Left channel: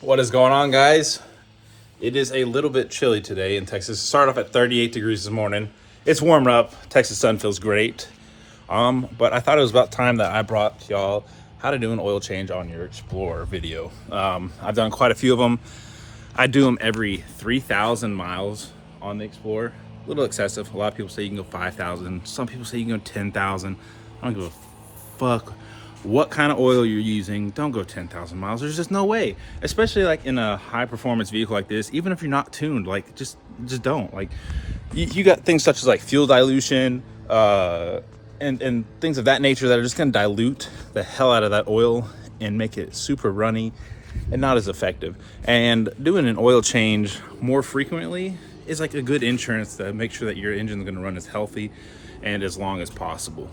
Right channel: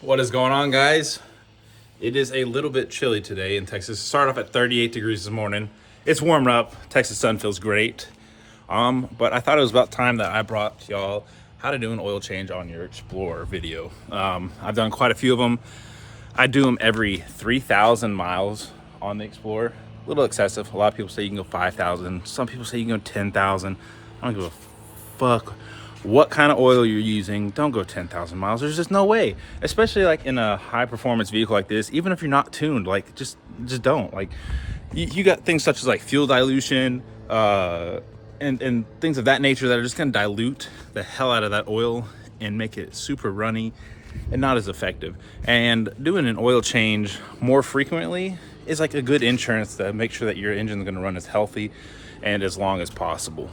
What is going on, guys? It is a little bit chilly today in Texas. Started off at 38 degrees this morning. It's warmed up. Texas sun feels great. But I thought it was about time that I brought y'all how to do an oil change on your Explorer video. I've done quite a few of them. I do them every 3,000 miles on the Explorer. A little excessive. A lot of people say you can go 5,000. Some people say you can go 10,000. I don't give a fuck what kind of oil you're using. Don't go 10,000 miles. There's just no way, especially like in a high performance vehicle like this. Even if you're not tuned, like just don't. Like you got things such as like fuel dilution and things of that nature that are just going to dilute the hell out of that oil and make it super runny and not as effective. And doing an oil change more frequently is like a good insurance to make sure that your engine's going to run as healthy and as long as possible.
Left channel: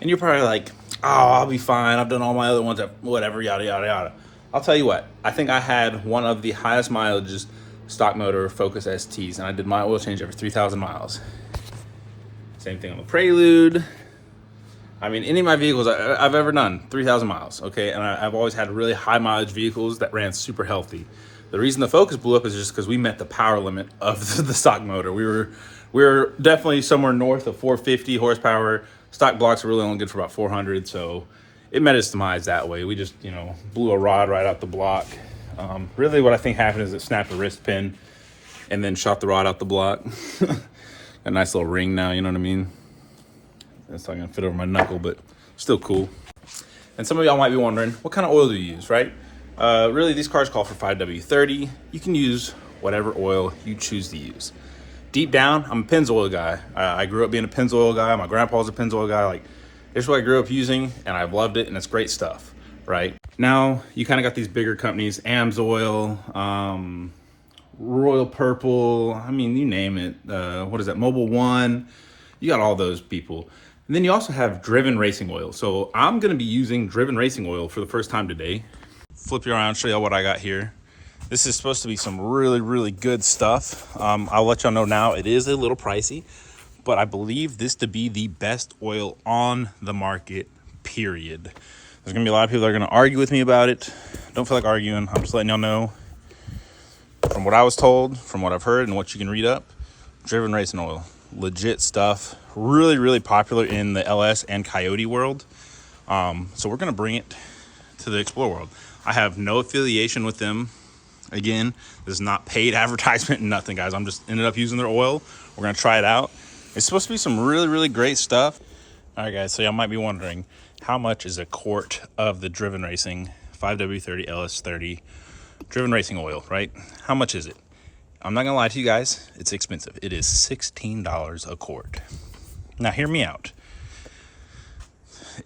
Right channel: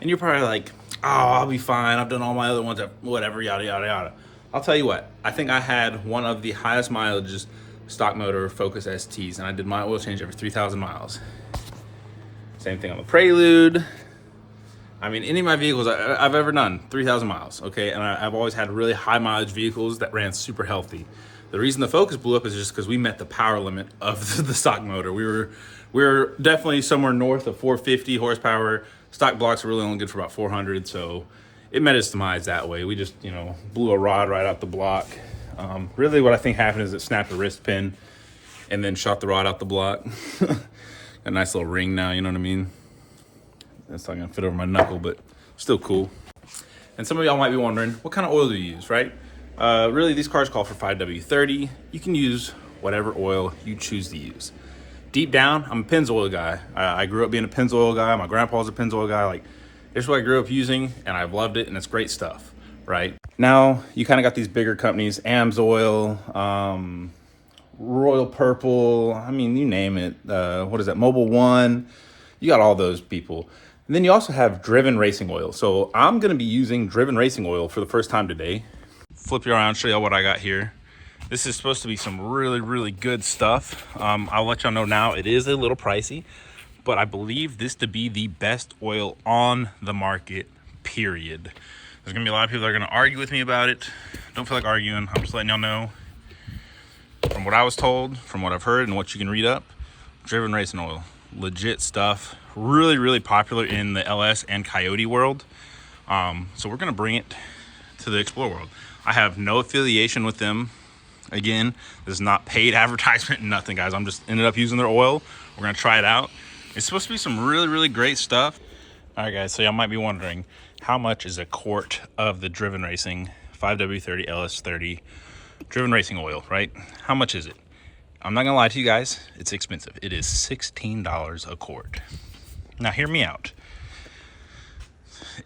And you're probably like, oh, I'll be fine. I've done all my other ones, whatever, yada, yada, yada. I'll tell you what, I think I had one of the highest mileages stock motor Focus STs, and I did my oil change every 3,000 miles. Same thing on the Prelude. I mean, any of my vehicles I've ever done, 3,000 miles, okay? And I've always had really high mileage vehicles that ran super healthy. The reason the Focus blew up is just because we met the power limit of the stock motor. We were definitely somewhere north of 450 horsepower. Stock blocks were really only good for about 400, so it met its demise that way. We just, blew a rod right out the block. Really what I think happened is it snapped a wrist pin and then shot the rod out the block. A nice little ring now, you know what I mean? That's not gonna fit over my knuckle, but still cool. And some of y'all might be wondering, what kind of oil do you use, right? Really, these cars call for 5W30. You can use whatever oil you choose to use. Deep down, I'm a Pennzoil guy. I grew up being a Pennzoil guy. My grandpa was a Pennzoil guy. Like, this is what I grew up using, and I've loved it, and it's great stuff, right? Now, you kind of got these bigger companies, AMSOIL, Royal Purple, I mean, you name it. What is that, Mobil One? You got all those people. And then you also have Driven Racing Oil. So I'm gonna be using Driven Racing Oil for the first time today. Flip you around, show you what I got here. This is supposed to be some really, really good stuff. I'll let y'all know now, it is a little pricey, but I believe this to be the best oil on the market, period. There's gonna be a lot of people that are gonna argue with me about it. Don't feel like arguing, I'm just letting y'all know. From what I was told, from what I've heard, and what you can read up, Driven Racing Oil, legit stuff. Really, really popular in the LS and Coyote world. So we're gonna bring it to the Explorer world. I have no affiliation with them. Again, this is not paid advertisement, nothing, guys. I'm just ended up using their oil. We're gonna try it out. It's supposed to be some really, really great stuff. All right, guys, so y'all might be wondering, how much is a quart of the Driven Racing 5W30 LS30 Driven Racing Oil, right? How much is it? I'm not gonna lie to you guys, it's expensive. It is $16 a quart. Now hear me out.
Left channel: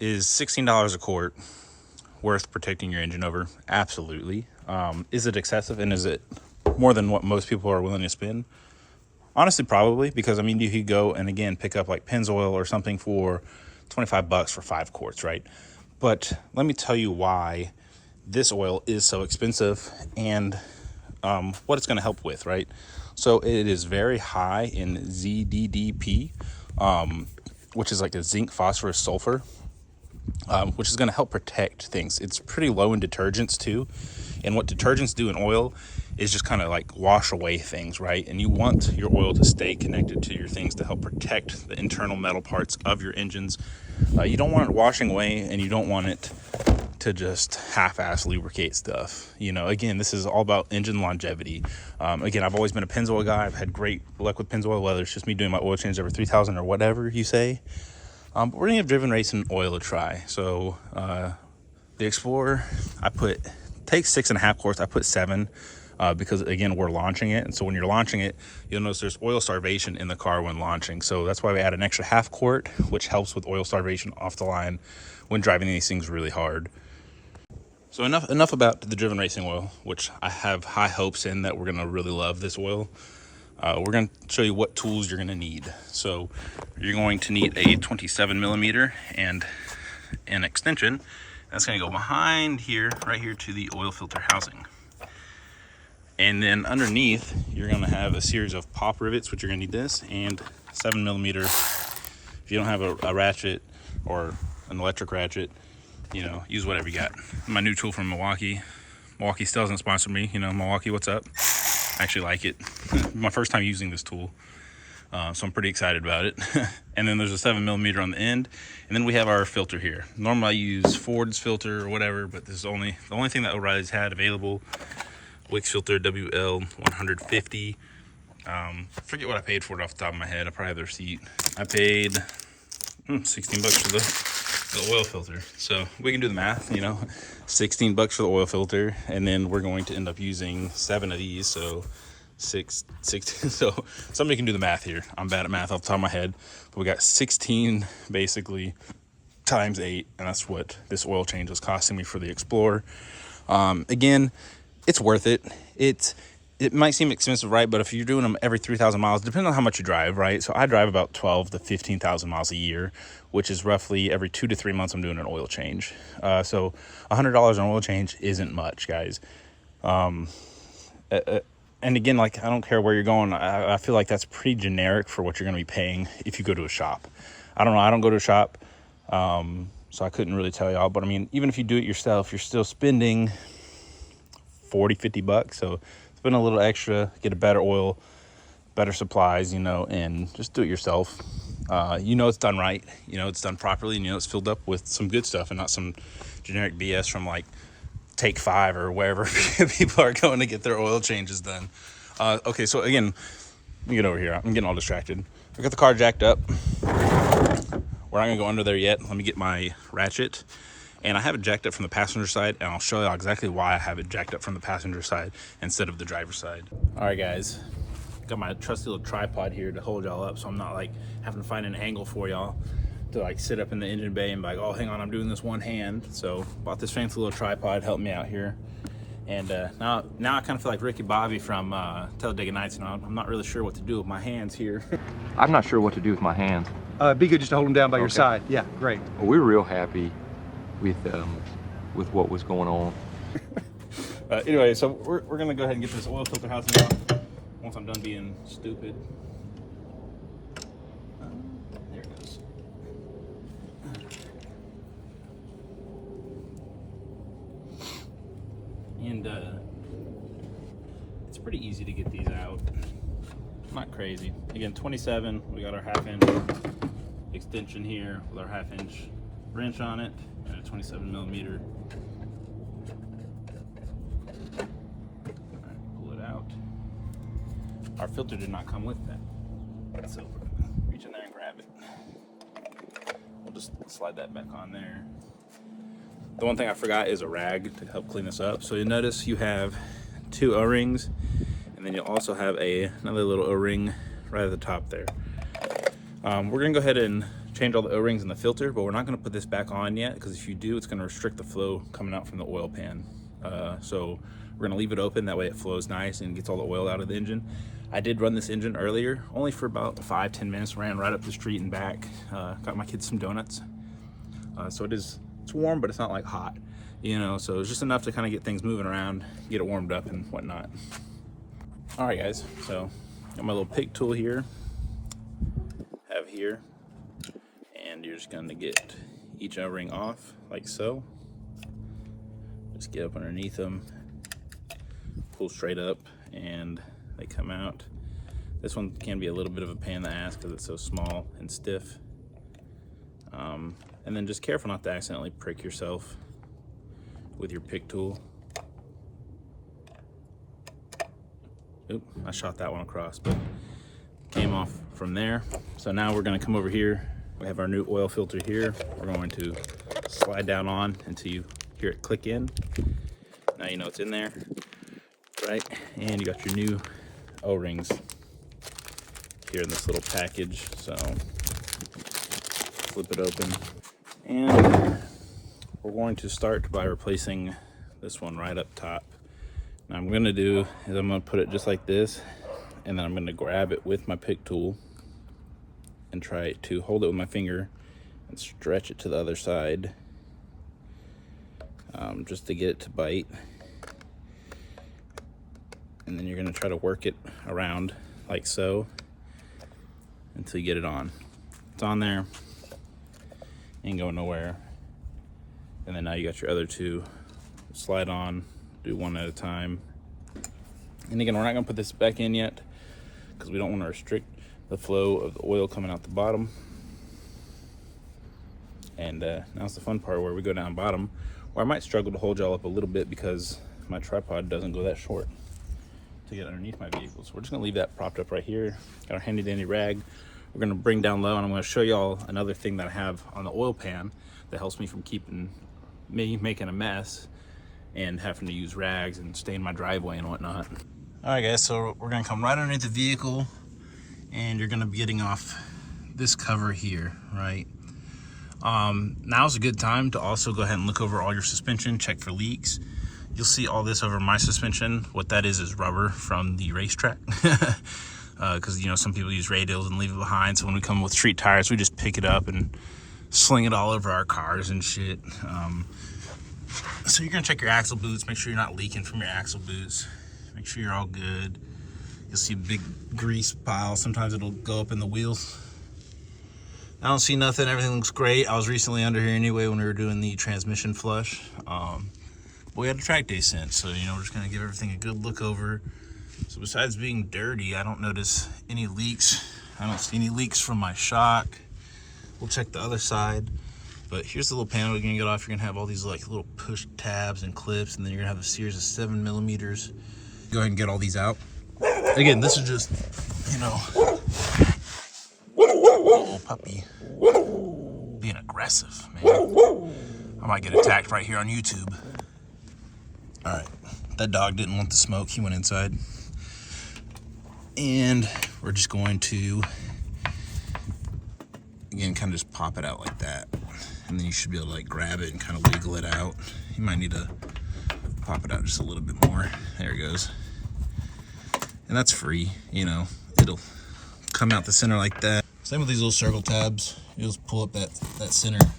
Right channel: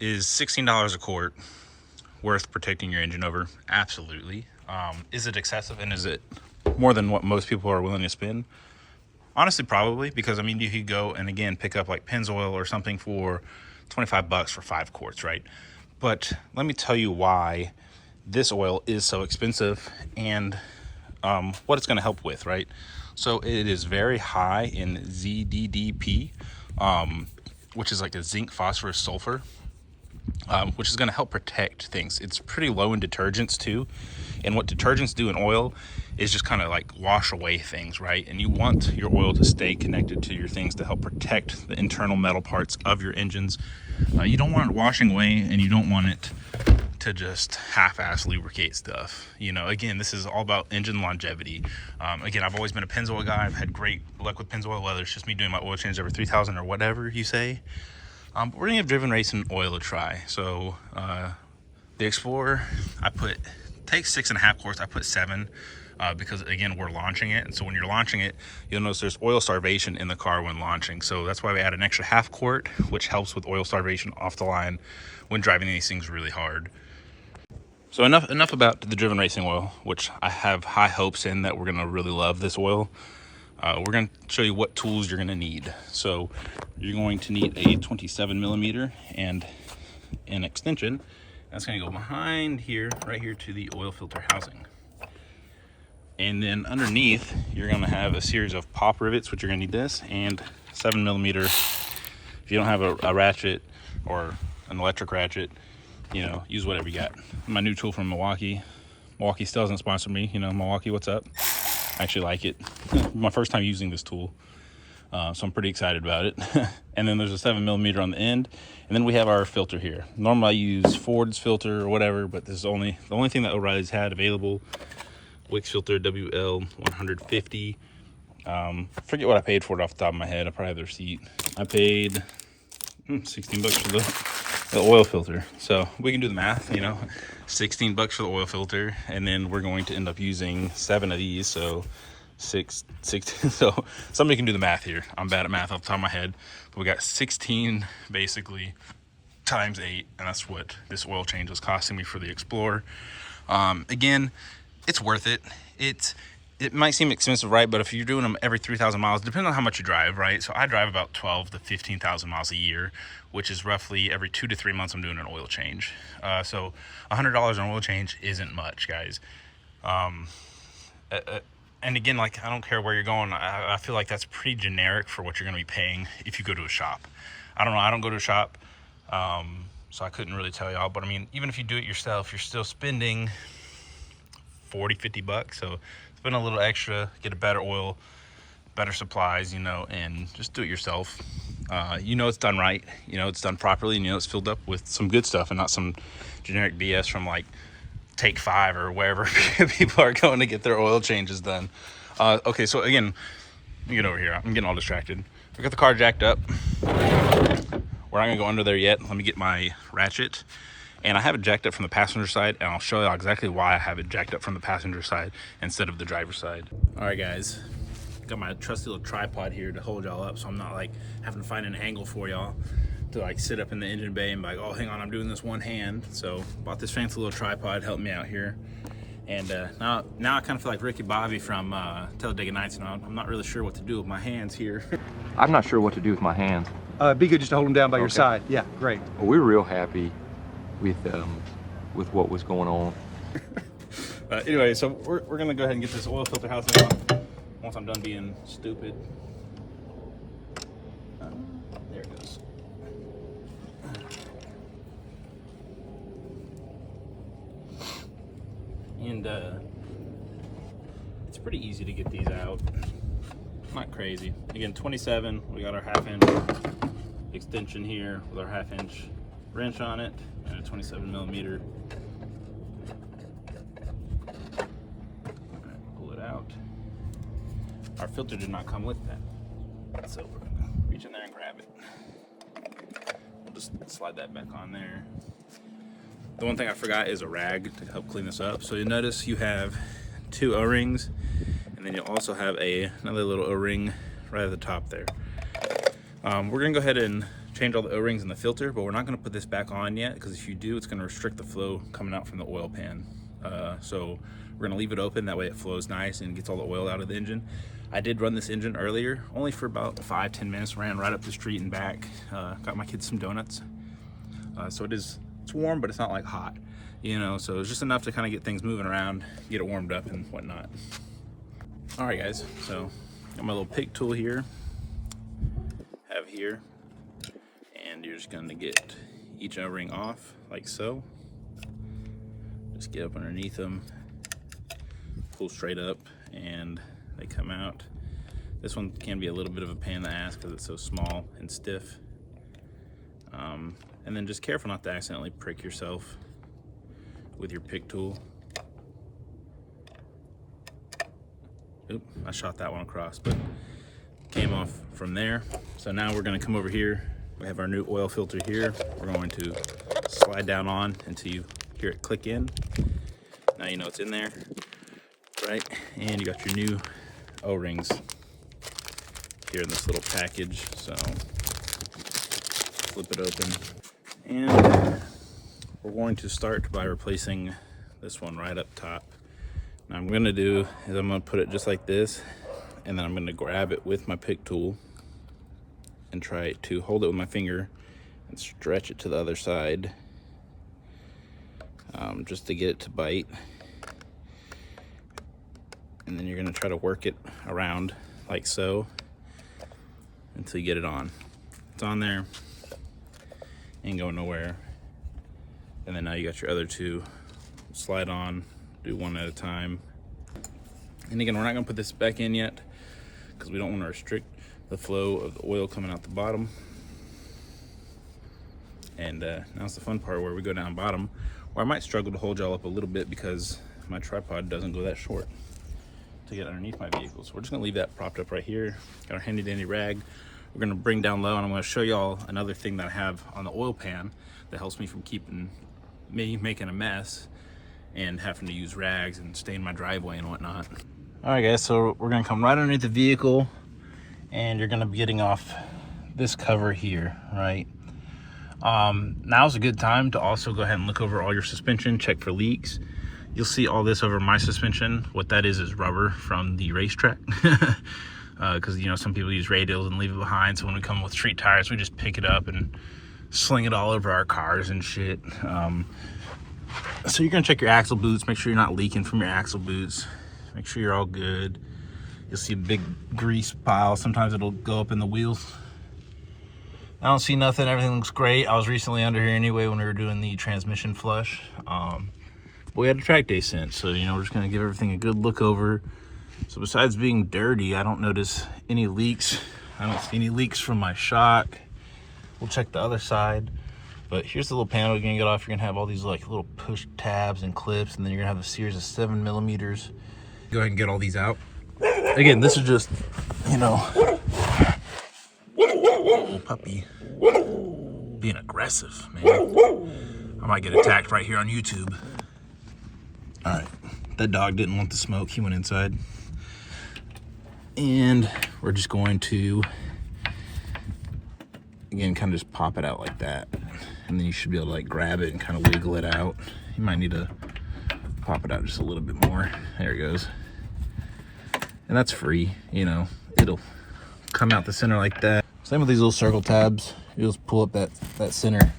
Is $16 a quart worth protecting your engine over? Absolutely. Is it excessive, and is it more than what most people are willing to spend? Honestly, probably, because I mean, you could go and again pick up like Pennzoil or something for 25 bucks for 5 quarts, right? But let me tell you why this oil is so expensive and what it's going to help with, right? So it is very high in ZDDP, which is like the zinc, phosphorus, sulfur, which is going to help protect things. It's pretty low in detergents too. And what detergents do in oil is just kind of like wash away things, right? And you want your oil to stay connected to your things to help protect the internal metal parts of your engines. You don't want it washing away, and you don't want it to just half-ass lubricate stuff. Again, this is all about engine longevity. Again, I've always been a Pennzoil guy. I've had great luck with Pennzoil, whether it's just me doing my oil change every 3,000 or whatever you say. But we're gonna give Driven Racing Oil a try. So the Explorer, takes 6.5 quarts. I put 7 because again, we're launching it. And so when you're launching it, you'll notice there's oil starvation in the car when launching. So that's why we add an extra 1/2 quart, which helps with oil starvation off the line when driving these things really hard. So enough about the Driven Racing Oil, which I have high hopes in that we're gonna really love this oil. We're gonna show you what tools you're gonna need. So you're going to need a 27 millimeter and an extension. That's gonna go behind here, right here to the oil filter housing. And then underneath, you're gonna have a series of pop rivets, which you're gonna need this, and 7 millimeter. If you don't have a ratchet or an electric ratchet, use whatever you got. My new tool from Milwaukee, Milwaukee still hasn't sponsored me. You know, Milwaukee, what's up? I actually like it. My first time using this tool. So I'm pretty excited about it. And then there's a 7mm on the end. And then we have our filter here. Normally I use Ford's filter or whatever, but this is the only thing that O'Reilly's had available. Wix filter WL150. Forget what I paid for it off the top of my head. I probably have the receipt. I paid 16 bucks for the oil filter. So we can do the math, you know, 16 bucks for the oil filter. And then we're going to end up using 7 of these. So 16. So somebody can do the math here. I'm bad at math off the top of my head. But we got 16 basically times 8. And that's what this oil change was costing me for the Explorer. Again, it's worth it. It might seem expensive, right? But if you're doing them every 3,000 miles, depending on how much you drive, right? So I drive about 12 to 15,000 miles a year, which is roughly every 2 to 3 months I'm doing an oil change. So $100 on oil change isn't much, guys. And again, like, I don't care where you're going. I feel like that's pretty generic for what you're going to be paying if you go to a shop. I don't know. I don't go to a shop, so I couldn't really tell y'all. But I mean, even if you do it yourself, you're still spending 40, 50 bucks. So spend a little extra, get a better oil, better supplies, you know, and just do it yourself. You know, it's done right. You know, it's done properly, and you know, it's filled up with some good stuff and not some generic BS from like Take 5 or wherever people are going to get their oil changes done. Okay, so again, let me get over here. I'm getting all distracted. I got the car jacked up. We're not gonna go under there yet. Let me get my ratchet. And I have it jacked up from the passenger side, and I'll show you exactly why I have it jacked up from the passenger side instead of the driver's side. All right, guys. Got my trusty little tripod here to hold y'all up, so I'm not like having to find an angle for y'all to like sit up in the engine bay and be like, oh, hang on, I'm doing this one hand. So bought this fancy little tripod, helped me out here. And now I kind of feel like Ricky Bobby from Talladega Nights, and I'm not really sure what to do with my hands here. I'm not sure what to do with my hands. It'd be good just to hold them down by your side. Yeah, great. Well, we're real happy with what was going on. Anyway, so we're gonna go ahead and get this oil filter housing on once I'm done being stupid. There it goes. And it's pretty easy to get these out. Not crazy. Again, 27. We got our 1/2" extension here with our 1/2" wrench on it and a 27mm. Alright, pull it out. Our filter did not come with that, so we're gonna reach in there and grab it. We'll just slide that back on there. The one thing I forgot is a rag to help clean this up. So you'll notice you have 2 O-rings, and then you'll also have another little O-ring right at the top there. We're gonna go ahead and change all the O-rings in the filter, but we're not gonna put this back on yet, because if you do, it's gonna restrict the flow coming out from the oil pan. So we're gonna leave it open, that way it flows nice and gets all the oil out of the engine. I did run this engine earlier, only for about 5-10 minutes, ran right up the street and back, got my kids some donuts. So it's warm, but it's not like hot, you know, so it's just enough to kind of get things moving around, get it warmed up and whatnot. All right, guys, so got my little pick tool here, and you're just going to get each O-ring off like so. Just get up underneath them, pull straight up, and they come out. This one can be a little bit of a pain in the ass because it's so small and stiff. And then just careful not to accidentally prick yourself with your pick tool. Oop, I shot that one across, but came off from there. So now we're gonna come over here. We have our new oil filter here. We're going to slide down on until you hear it click in. Now you know it's in there, right? And you got your new O-rings here in this little package. So flip it open. And we're going to start by replacing this one right up top. Now I'm gonna do is I'm gonna put it just like this, and then I'm gonna grab it with my pick tool and try to hold it with my finger and stretch it to the other side, just to get it to bite. And then you're gonna try to work it around like so until you get it on. It's on there, ain't going nowhere. And then now you got your other 2, slide on do one at a time. And again, we're not gonna put this back in yet because we don't want to restrict the flow of the oil coming out the bottom. And now's the fun part where we go down bottom, where I might struggle to hold y'all up a little bit because my tripod doesn't go that short to get underneath my vehicle. So we're just gonna leave that propped up right here. Got our handy dandy rag. We're gonna bring down low, and I'm gonna show y'all another thing that I have on the oil pan that helps me from keeping me making a mess and having to use rags and stay in my driveway and whatnot. All right, guys, so we're gonna come right underneath the vehicle, and you're gonna be getting off this cover here, right? Now's a good time to also go ahead and look over all your suspension, check for leaks. You'll see all this over my suspension. What that is rubber from the racetrack. Because, you know, some people use radials and leave it behind. So when we come with street tires, we just pick it up and sling it all over our cars and shit. So you're gonna check your axle boots, make sure you're not leaking from your axle boots. Make sure you're all good. You'll see a big grease pile. Sometimes it'll go up in the wheels. I don't see nothing, everything looks great. I was recently under here anyway when we were doing the transmission flush. But we had a track day since, so you know, we're just gonna give everything a good look over. So besides being dirty, I don't notice any leaks. I don't see any leaks from my shock. We'll check the other side. But here's the little panel you're gonna get off. You're gonna have all these like little push tabs and clips, and then you're gonna have a series of 7mm. Go ahead and get all these out. Again, this is just, you know, little puppy being aggressive, man. I might get attacked right here on YouTube. All right, that dog didn't want the smoke. He went inside. And we're just going to, again, kind of just pop it out like that. And then you should be able to like grab it and kind of wiggle it out. You might need to pop it out just a little bit more. There it goes. And that's free, you know, it'll come out the center like that. Same with these little circle tabs. You just pull up that center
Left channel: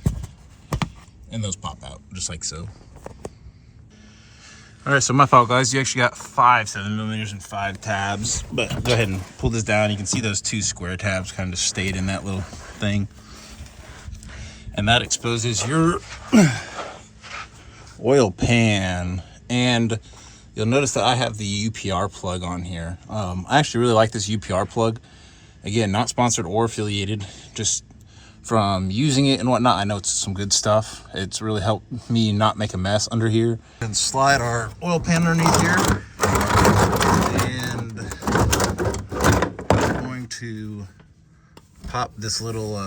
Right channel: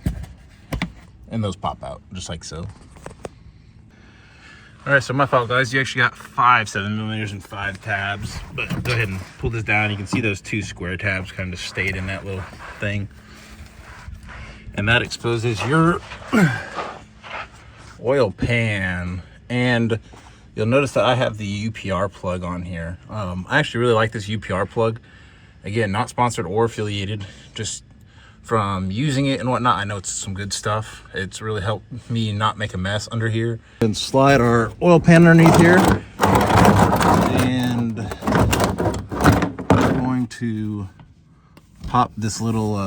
and those pop out just like so. All right, so my fault, guys. You actually got 5 7mm and 5 tabs, but go ahead and pull this down. You can see those 2 square tabs kind of stayed in that little thing. And that exposes your oil pan. And you'll notice that I have the UPR plug on here. I actually really like this UPR plug. Again, not sponsored or affiliated, just from using it and whatnot. I know it's some good stuff. It's really helped me not make a mess under here. And slide our oil pan underneath here. And we're going to pop this little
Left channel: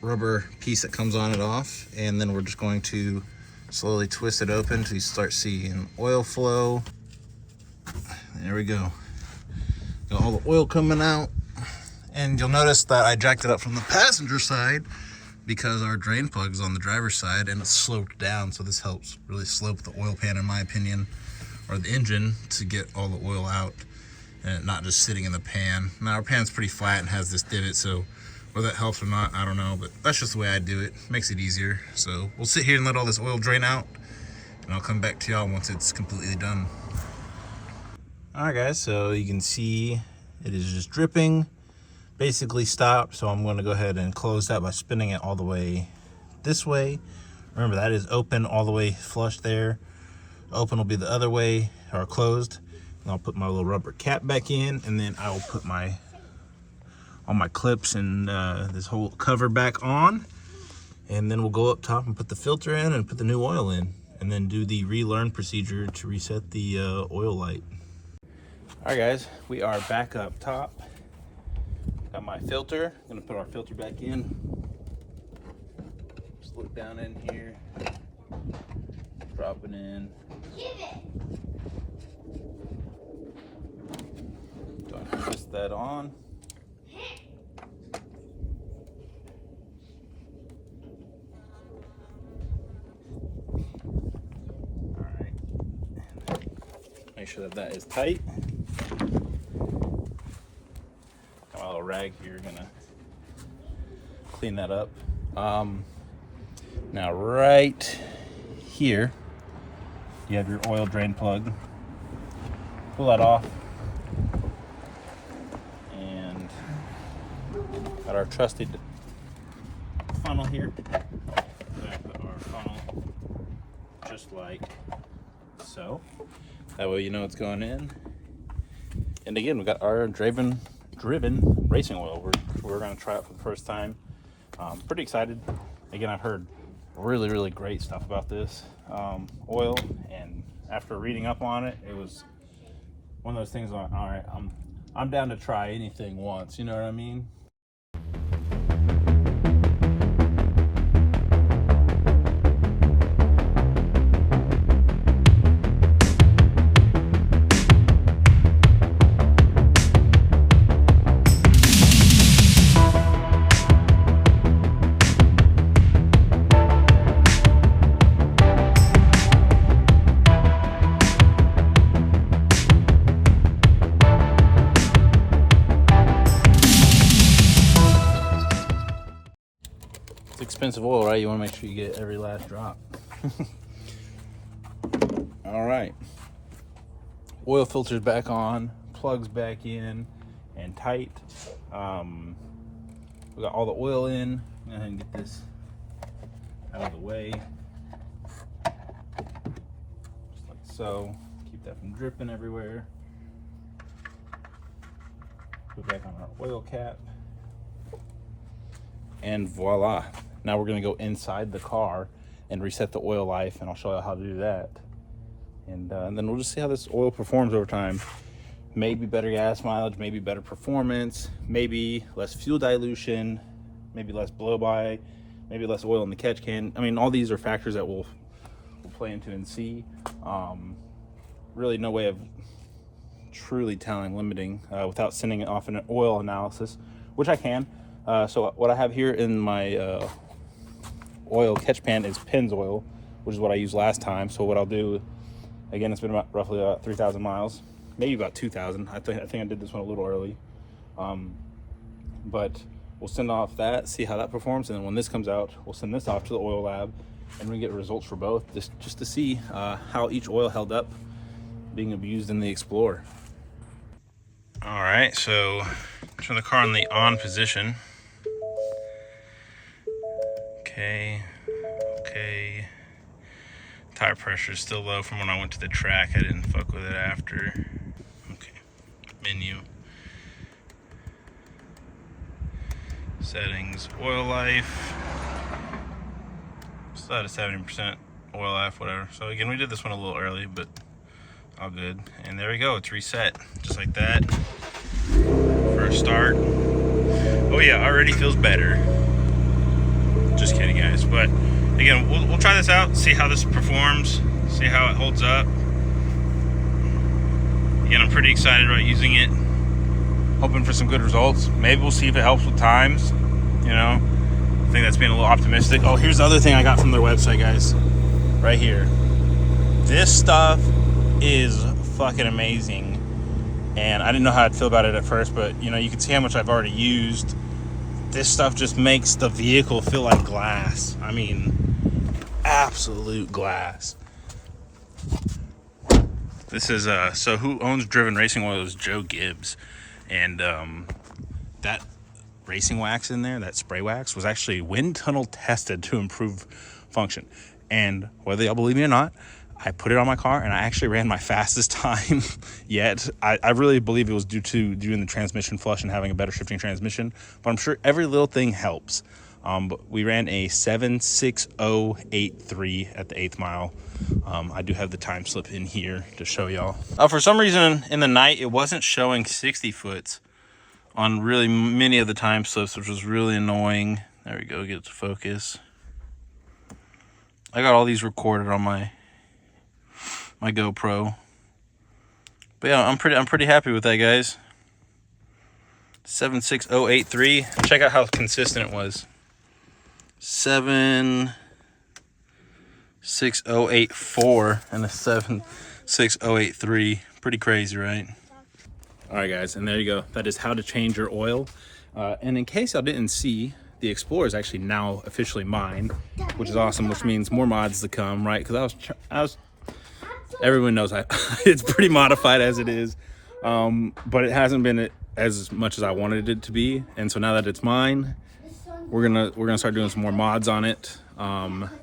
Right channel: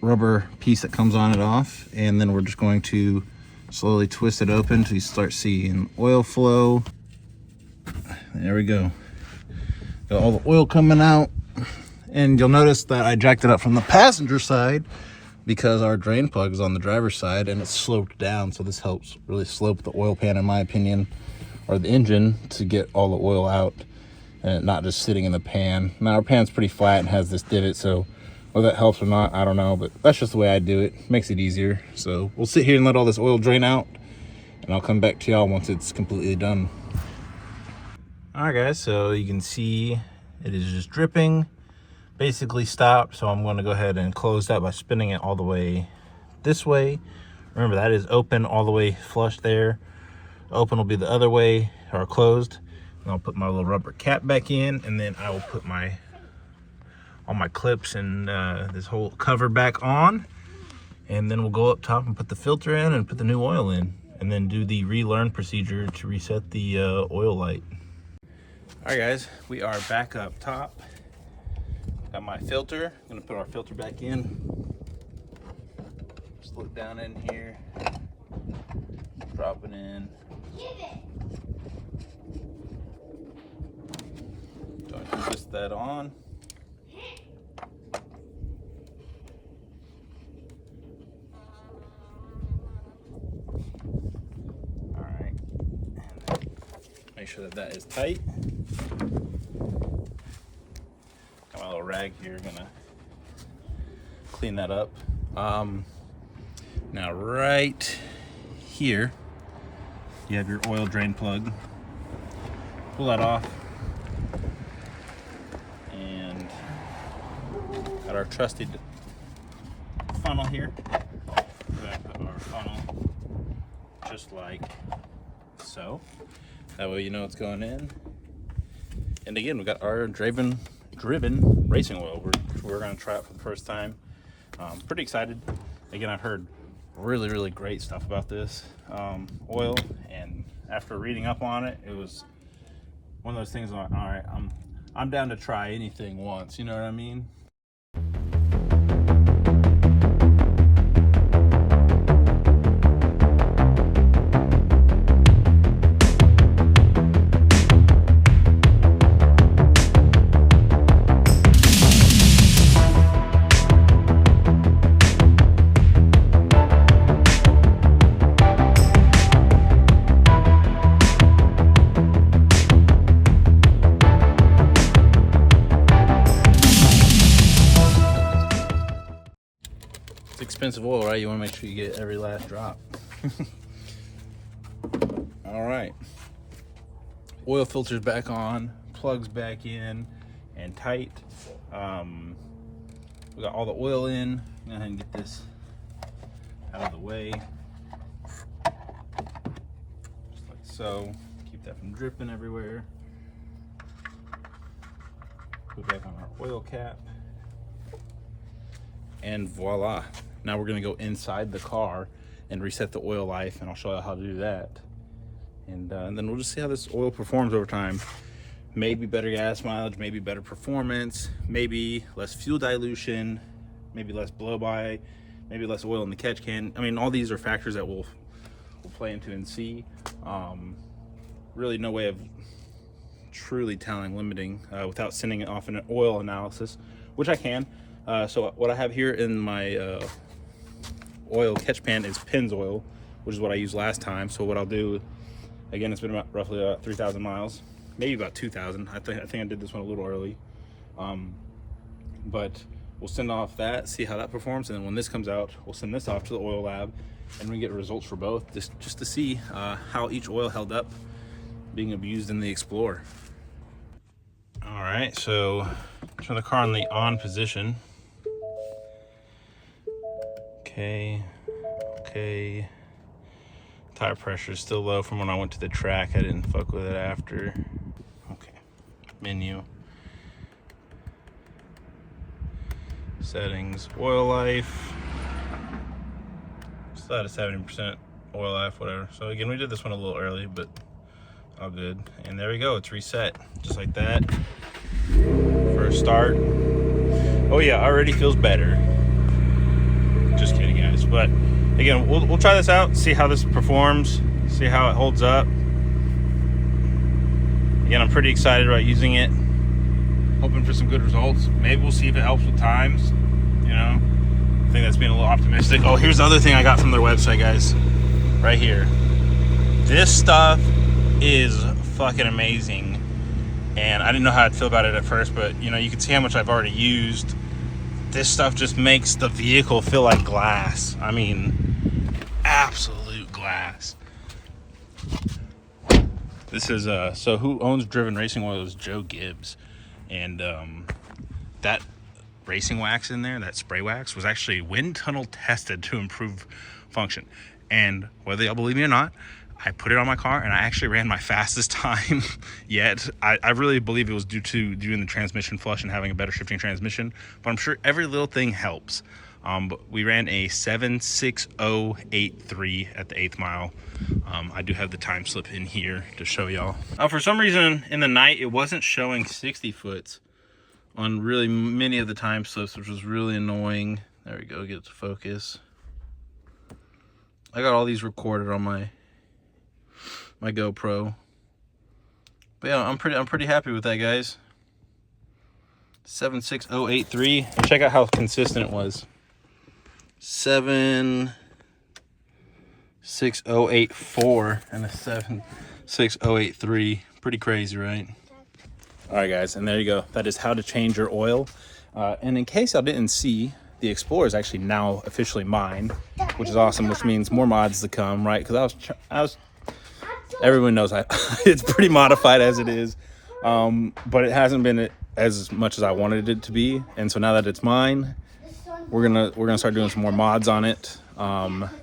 rubber piece that comes on it off. And then we're just going to slowly twist it open until you start seeing oil flow. There we go. Got all the oil coming out. And you'll notice that I jacked it up from the passenger side because our drain plug is on the driver's side and it's sloped down. So this helps really slope the oil pan, in my opinion, or the engine, to get all the oil out and it not just sitting in the pan. Now our pan's pretty flat and has this divot, so whether that helps or not, I don't know, but that's just the way I do it. Makes it easier. So we'll sit here and let all this oil drain out, and I'll come back to y'all once it's completely done. All right, guys, so you can see it is just dripping. Basically stopped, so I'm going to go ahead and close that by spinning it all the way this way. Remember, that is open all the way flush there. Open will be the other way, or closed. And I'll put my little rubber cap back in, and then I will put all my clips and this whole cover back on. And then we'll go up top and put the filter in and put the new oil in, and then do the relearn procedure to reset the oil light. All right, guys, we are back up top. Got my filter. I'm gonna put our filter back in. Just look down in here. Drop it in. Go ahead and twist that on. All right. Make sure that is tight. Got my little rag here, gonna clean that up. Now right here, you have your oil drain plug. Pull that off. And got our trusted funnel here. We're gonna put our funnel just like so that way you know it's going in. And again, we got our driven racing oil. We're going to try it for the first time. Pretty excited. Again, I've heard really great stuff about this oil, and after reading up on it, it was one of those things like, all right, I'm down to try anything once, you know what I mean? Expensive oil, right? You want to make sure you get every last drop. All right, oil filters back on, plugs back in and tight. We got all the oil in. Go ahead and get this out of the way, just like so. Keep that from dripping everywhere. Put back on our oil cap, and voila. Now we're gonna go inside the car and reset the oil life, and I'll show you how to do that. And then we'll just see how this oil performs over time. Maybe better gas mileage, maybe better performance, maybe less fuel dilution, maybe less blow by, maybe less oil in the catch can. I mean, all these are factors that we'll play into and see. Really no way of truly telling, limiting, without sending it off an oil analysis, which I can. So what I have here in my oil catch pan is Pennzoil, which is what I used last time. So what I'll do, again, it's been about roughly 3,000 miles, maybe about 2,000. I think I did this one a little early, but we'll send off that, see how that performs, and then when this comes out, we'll send this off to the oil lab, and we get results for both, just to see how each oil held up being abused in the Explorer. All right, so turn the car in the on position. Okay. Tire pressure is still low from when I went to the track. I didn't fuck with it after. Okay, menu. Settings, oil life. Still at a 70% oil life, whatever. So again, we did this one a little early, but all good. And there we go, it's reset, just like that. First start. Oh yeah, already feels better. Just kidding, guys. But again, we'll try this out, see how this performs, see how it holds up. Again, I'm pretty excited about using it, hoping for some good results. Maybe we'll see if it helps with times, you know. I think that's being a little optimistic. Oh, here's the other thing I got from their website, guys, right here. This stuff is fucking amazing, and I didn't know how I'd feel about it at first, but you know, you can see how much I've already used. This stuff just makes the vehicle feel like glass. I mean, absolute glass. This is so who owns Driven Racing Oil is Joe Gibbs, and that racing wax in there, that spray wax, was actually wind tunnel tested to improve function. And whether y'all believe me or not, I put it on my car and I actually ran my fastest time yet. I really believe it was due to doing the transmission flush and having a better shifting transmission, but I'm sure every little thing helps. But we ran a 7:60.83 at the 8th mile. I do have the time slip in here to show y'all. For some reason in the night, it wasn't showing 60 foots on really many of the time slips, which was really annoying. There we go, get it to focus. I got all these recorded on my GoPro. But yeah, I'm pretty happy with that, guys. 7:60.83. Check out how consistent it was. 7:60.84 and a 7:60.83. Pretty crazy, right? All right, guys, and there you go. That is how to change your oil. And in case y'all didn't see, the Explorer is actually now officially mine, which is awesome, which means more mods to come, right? Because I was everyone knows it's pretty modified as it is, but it hasn't been as much as I wanted it to be. And so now that it's mine, we're gonna start doing some more mods on it.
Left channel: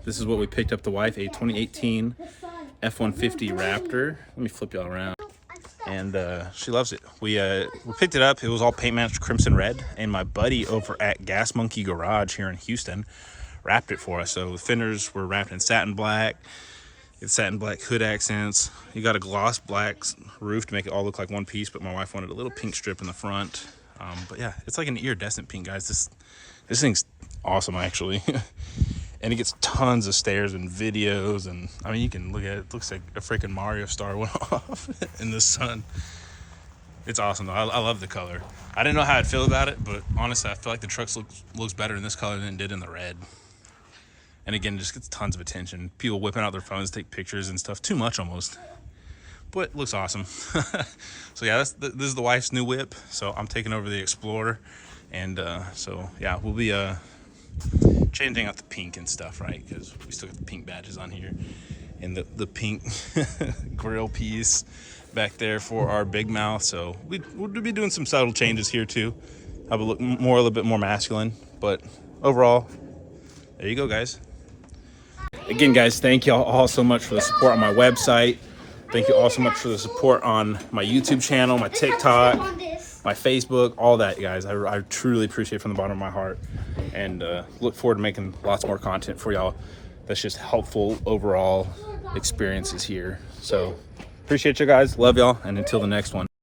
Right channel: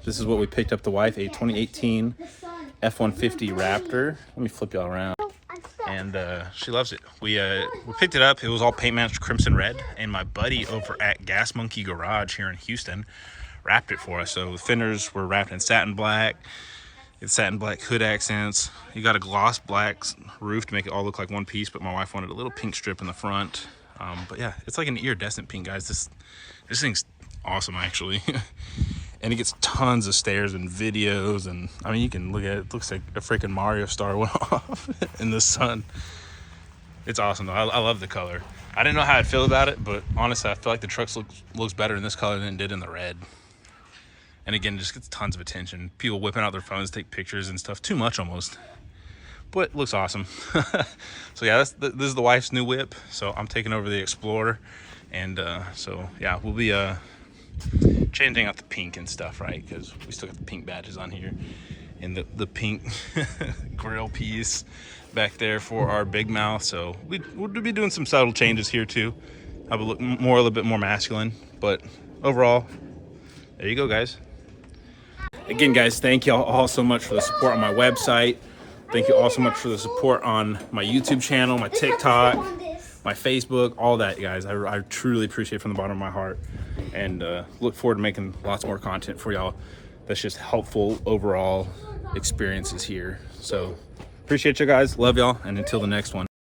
This is what we picked up the wife, a 2018 F-150 Raptor. Let me flip y'all around. And she loves it. We picked it up. It was all paint matched crimson red, and my buddy over at Gas Monkey Garage here in Houston wrapped it for us. So the fenders were wrapped in satin black. It's satin black hood accents. You got a gloss black roof to make it all look like one piece, but my wife wanted a little pink strip in the front. But yeah, it's like an iridescent pink, guys. This thing's awesome, actually. And it gets tons of stares and videos, and I mean, you can look at it. It looks like a freaking Mario star went off in the sun. It's awesome though. I love the color. I didn't know how I'd feel about it, but honestly, I feel like the truck looks better in this color than it did in the red. And again, it just gets tons of attention. People whipping out their phones, take pictures and stuff. Too much almost, but it looks awesome. So yeah, this is the wife's new whip. So I'm taking over the Explorer, and so yeah, we'll be changing out the pink and stuff, right? Because we still got the pink badges on here, and the pink grill piece back there for our big mouth. So we'll be doing some subtle changes here too. Have a look a little bit more masculine, but overall, there you go, guys. Again, guys, thank y'all all so much for the support on my website. Thank you all so much for the support on my YouTube channel, my TikTok, my Facebook, all that, guys. I truly appreciate it from the bottom of my heart, and look forward to making lots more content for y'all that's just helpful overall experiences here. So appreciate you guys, love y'all, and until the next one.